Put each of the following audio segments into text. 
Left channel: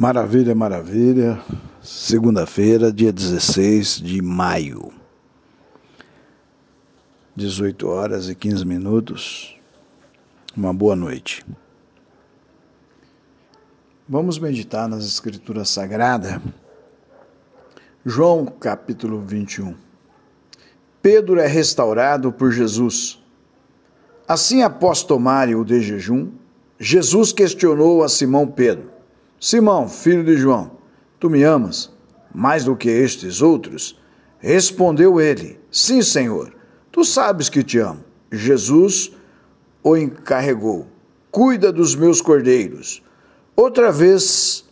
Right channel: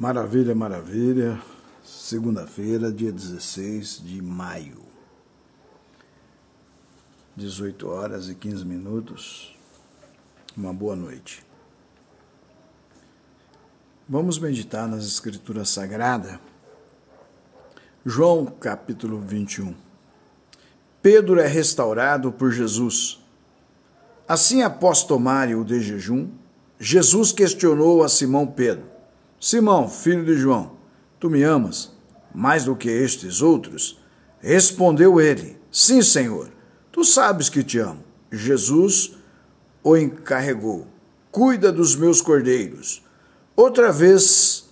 Maravilha, maravilha. Segunda-feira, dia 16 de maio. 18 horas e 15 minutos. Uma boa noite. Vamos meditar nas Escrituras Sagradas. João, capítulo 21. Pedro é restaurado por Jesus. Assim, após tomarem o de jejum, Jesus questionou a Simão Pedro: Simão, filho de João, tu me amas mais do que estes outros? Respondeu ele: Sim, Senhor, tu sabes que te amo. Jesus o encarregou: Cuida dos meus cordeiros. Outra vez,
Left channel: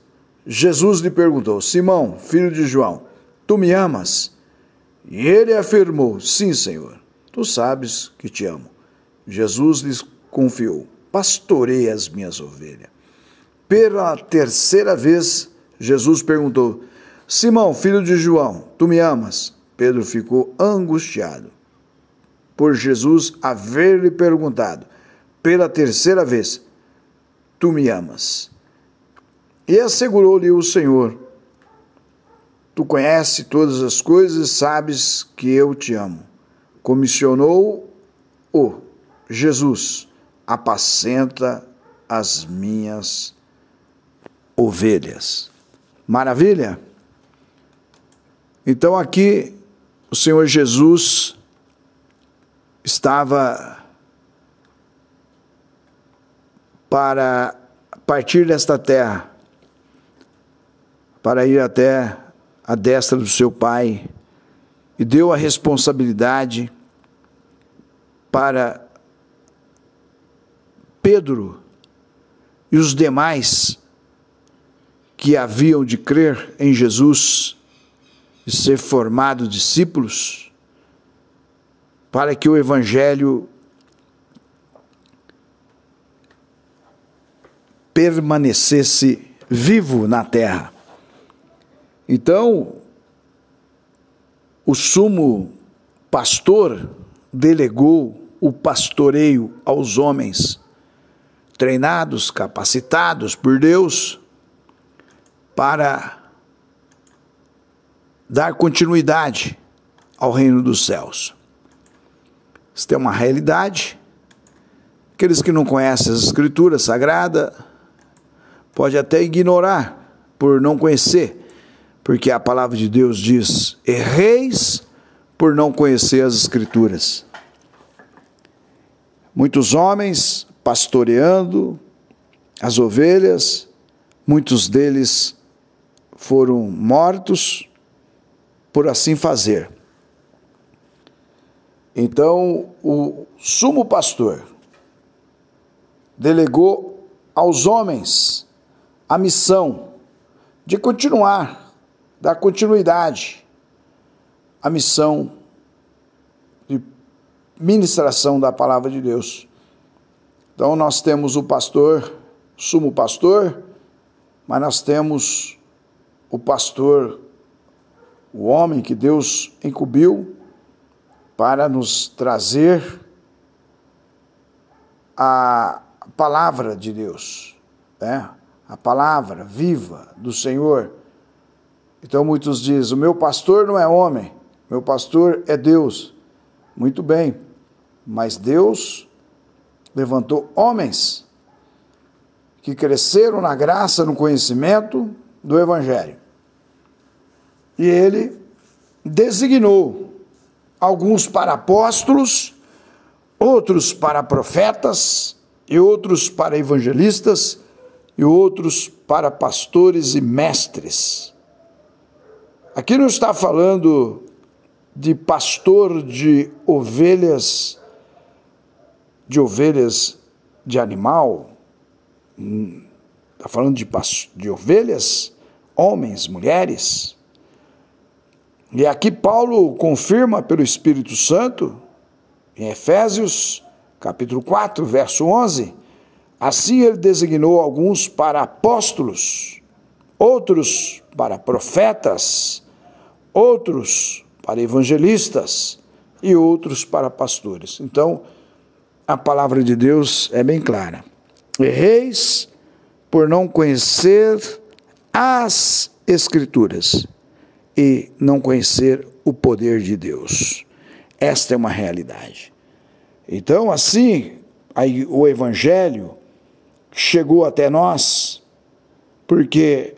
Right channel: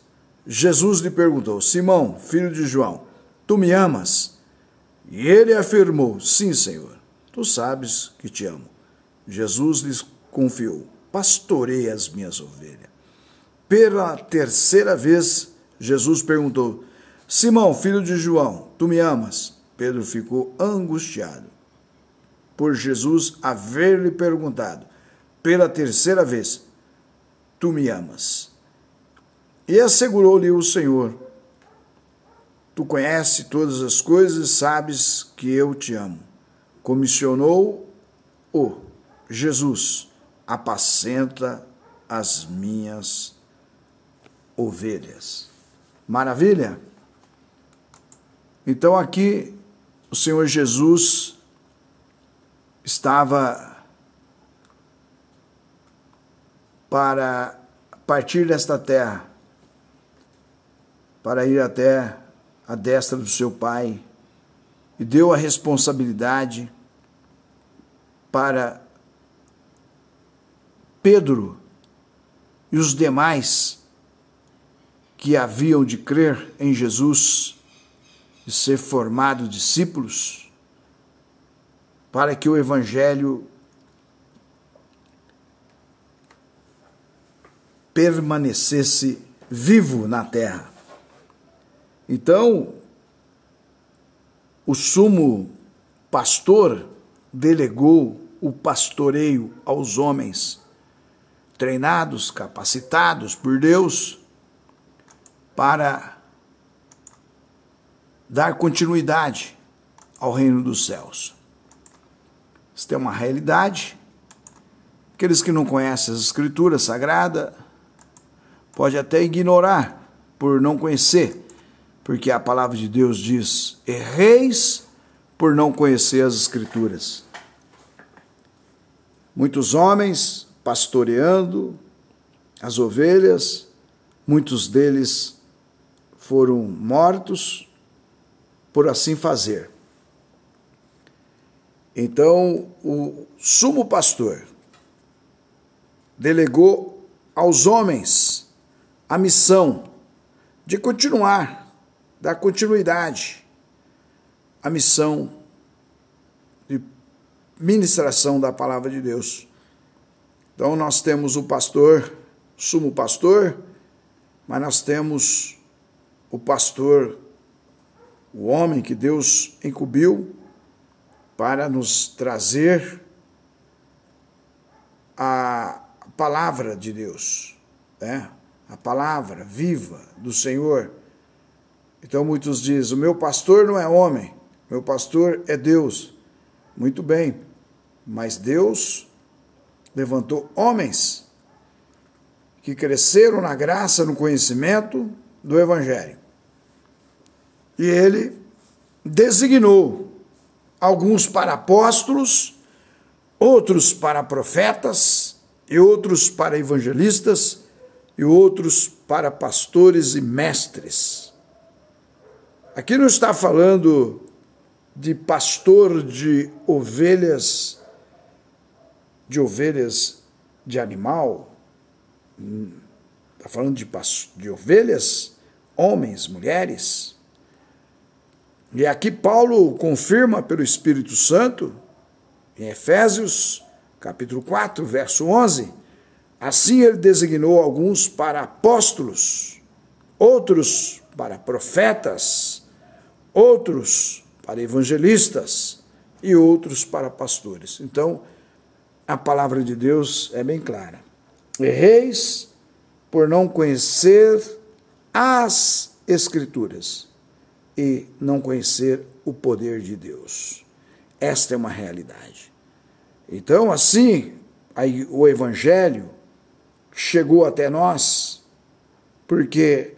Jesus lhe perguntou: Simão, filho de João, tu me amas? E ele afirmou: Sim, Senhor, tu sabes que te amo. Jesus lhes confiou: Pastoreia as minhas ovelhas. Pela terceira vez, Jesus perguntou: Simão, filho de João, tu me amas? Pedro ficou angustiado por Jesus haver lhe perguntado pela terceira vez: Tu me amas? E assegurou-lhe o Senhor: Tu conheces todas as coisas e sabes que eu te amo. Comissionou-o Jesus: Apacenta as minhas ovelhas. Maravilha? Então aqui o Senhor Jesus estava para partir desta terra, para ir até a destra do seu Pai, e deu a responsabilidade para Pedro e os demais que haviam de crer em Jesus e ser formados discípulos, para que o Evangelho permanecesse vivo na terra. Então, o sumo pastor delegou o pastoreio aos homens treinados, capacitados por Deus, para dar continuidade ao reino dos céus. Isso é uma realidade. Aqueles que não conhecem as Escrituras Sagradas podem até ignorar por não conhecer, porque a palavra de Deus diz: erreis por não conhecer as Escrituras. Muitos homens pastoreando as ovelhas, muitos deles foram mortos por assim fazer. Então, o sumo pastor delegou aos homens a missão de continuar, dar continuidade à missão de ministração da palavra de Deus. Então, nós temos o pastor, o sumo pastor, mas nós temos o pastor, o homem que Deus incumbiu para nos trazer a palavra de Deus, né? A palavra viva do Senhor. Então muitos dizem: o meu pastor não é homem, meu pastor é Deus. Muito bem, mas Deus levantou homens que cresceram na graça, no conhecimento do Evangelho. E ele designou alguns para apóstolos, outros para profetas, e outros para evangelistas, e outros para pastores e mestres. Aqui não está falando de pastor de ovelhas de animal, está falando de ovelhas, homens, mulheres. E aqui Paulo confirma pelo Espírito Santo, em Efésios, capítulo 4, verso 11, assim ele designou alguns para apóstolos, outros para profetas, outros para evangelistas e outros para pastores. Então, a palavra de Deus é bem clara. Erreis por não conhecer as Escrituras e não conhecer o poder de Deus. Esta é uma realidade. Então, assim, aí o Evangelho chegou até nós porque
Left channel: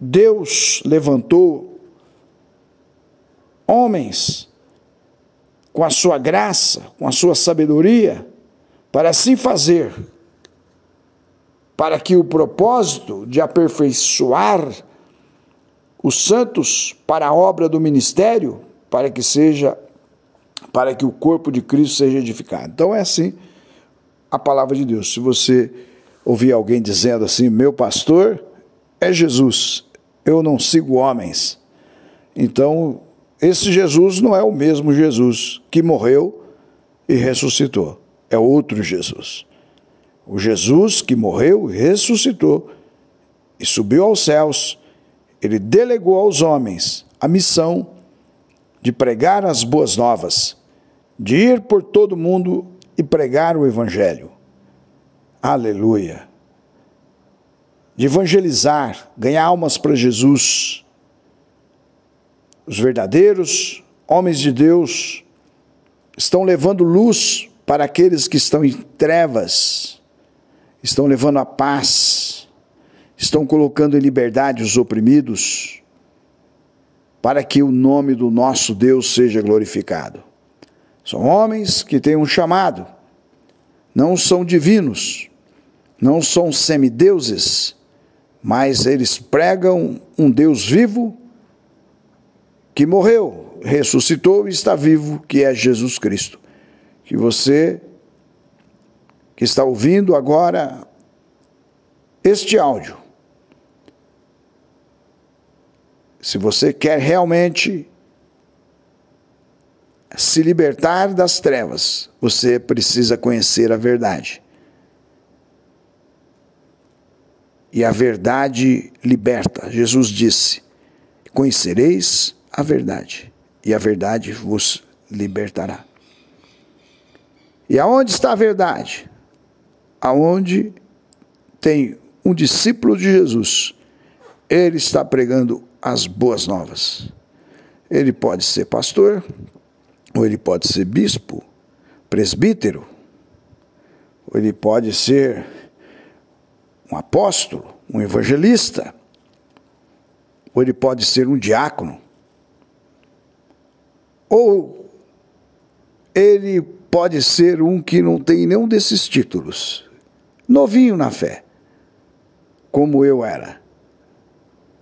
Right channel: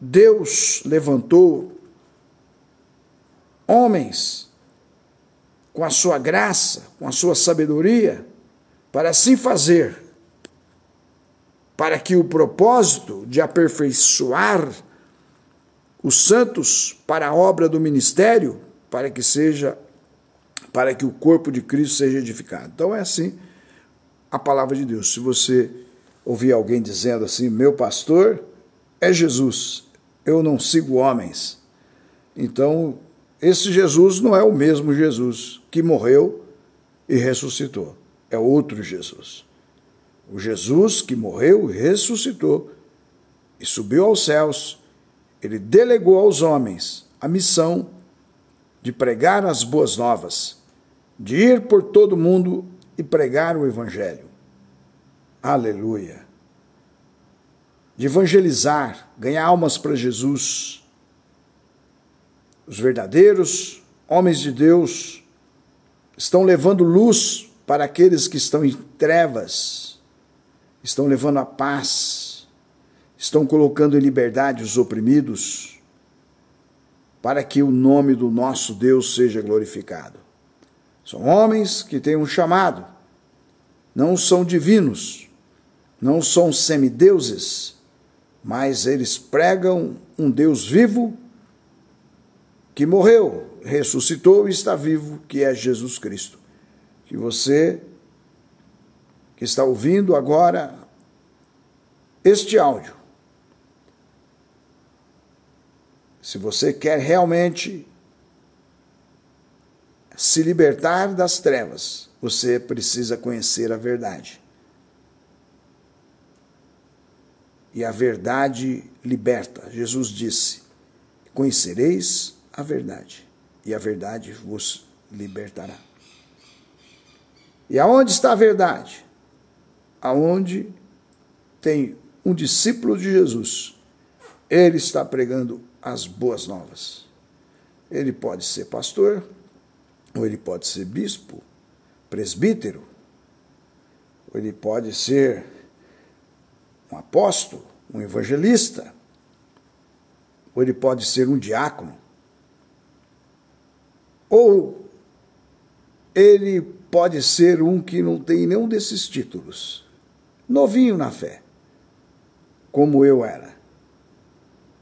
Deus levantou homens com a sua graça, com a sua sabedoria, para assim fazer, para que o propósito de aperfeiçoar os santos para a obra do ministério, para que o corpo de Cristo seja edificado. Então é assim a palavra de Deus. Se você ouvir alguém dizendo assim, meu pastor é Jesus, eu não sigo homens, então esse Jesus não é o mesmo Jesus que morreu e ressuscitou, é outro Jesus. O Jesus que morreu e ressuscitou e subiu aos céus, ele delegou aos homens a missão de pregar as boas novas, de ir por todo mundo e pregar o Evangelho. Aleluia! De evangelizar, ganhar almas para Jesus. Os verdadeiros homens de Deus estão levando luz para aqueles que estão em trevas, estão levando a paz, estão colocando em liberdade os oprimidos, para que o nome do nosso Deus seja glorificado. São homens que têm um chamado, não são divinos, não são semideuses, mas eles pregam um Deus vivo que morreu, ressuscitou e está vivo, que é Jesus Cristo. Que você que está ouvindo agora este áudio, se você quer realmente se libertar das trevas, você precisa conhecer a verdade. E a verdade liberta. Jesus disse, conhecereis a verdade, e a verdade vos libertará. E aonde está a verdade? Aonde tem um discípulo de Jesus, ele está pregando as boas novas. Ele pode ser pastor, ou ele pode ser bispo, presbítero, ou ele pode ser um apóstolo, um evangelista, ou ele pode ser um diácono, ou ele pode ser um que não tem nenhum desses títulos, novinho na fé, como eu era,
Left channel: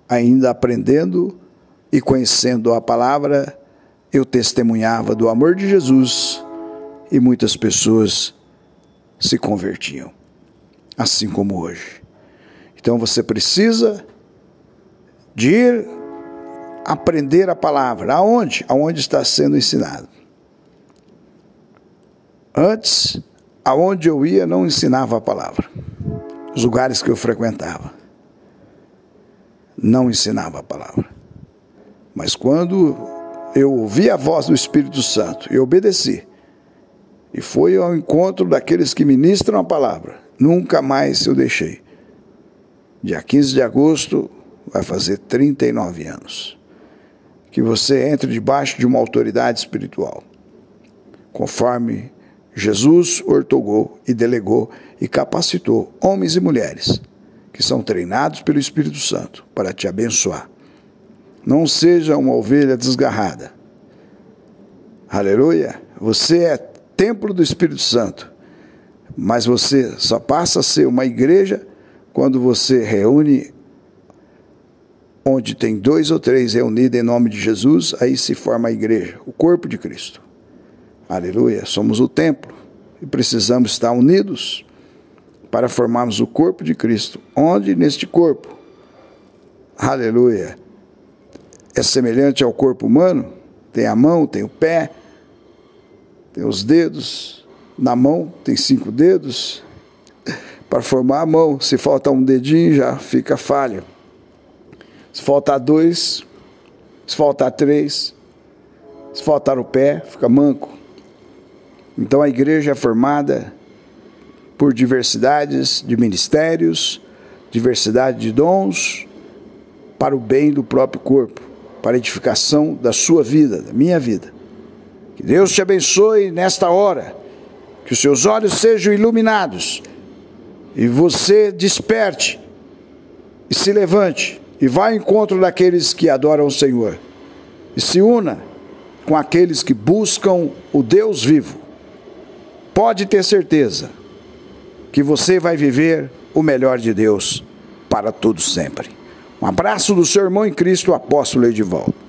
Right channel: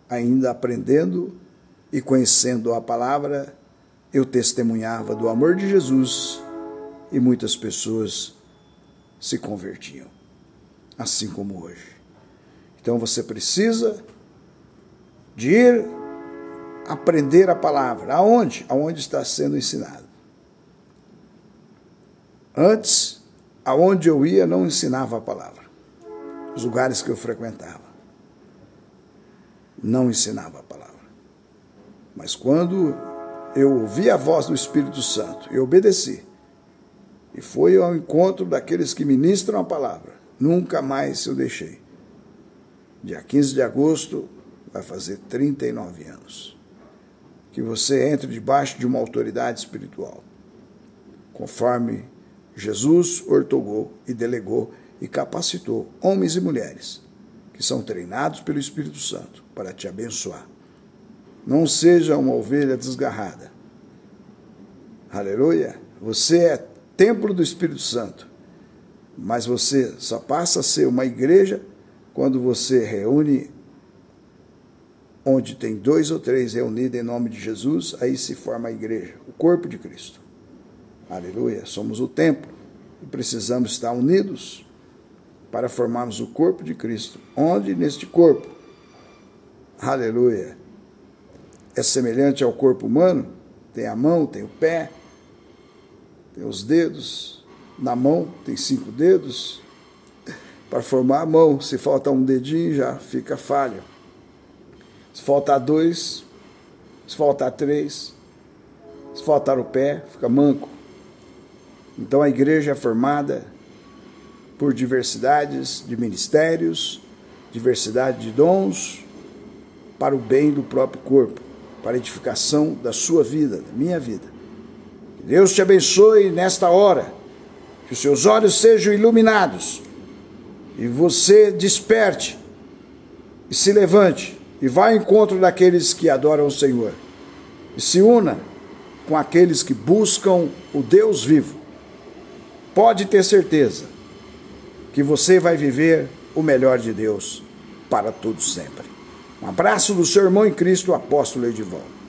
ainda aprendendo e conhecendo a palavra, eu testemunhava do amor de Jesus e muitas pessoas se convertiam, assim como hoje. Então você precisa de ir aprender a palavra. Aonde? Aonde está sendo ensinado. Antes, aonde eu ia, não ensinava a palavra. Os lugares que eu frequentava, não ensinava a palavra. Mas quando eu ouvi a voz do Espírito Santo e obedeci, e fui ao encontro daqueles que ministram a palavra, nunca mais eu deixei. Dia 15 de agosto vai fazer 39 anos. Que você entre debaixo de uma autoridade espiritual, conforme Jesus ortogou e delegou e capacitou homens e mulheres que são treinados pelo Espírito Santo para te abençoar. Não seja uma ovelha desgarrada. Aleluia! Você é templo do Espírito Santo, mas você só passa a ser uma igreja quando você reúne onde tem 2 ou 3 reunidos em nome de Jesus, aí se forma a igreja, o corpo de Cristo. Aleluia, somos o templo e precisamos estar unidos para formarmos o corpo de Cristo, onde neste corpo, aleluia, é semelhante ao corpo humano, tem a mão, tem o pé, tem os dedos, na mão tem 5 dedos, para formar a mão, se falta um dedinho já fica falha. Se faltar 2, se faltar 3, se faltar o pé, fica manco. Então a igreja é formada por diversidades de ministérios, diversidade de dons, para o bem do próprio corpo, para a edificação da sua vida, da minha vida. Que Deus te abençoe nesta hora, que os seus olhos sejam iluminados e você desperte e se levante e vá ao encontro daqueles que adoram o Senhor e se una com aqueles que buscam o Deus vivo. Pode ter certeza que você vai viver o melhor de Deus para todos sempre. Um abraço do seu irmão em Cristo, o apóstolo Edivaldo.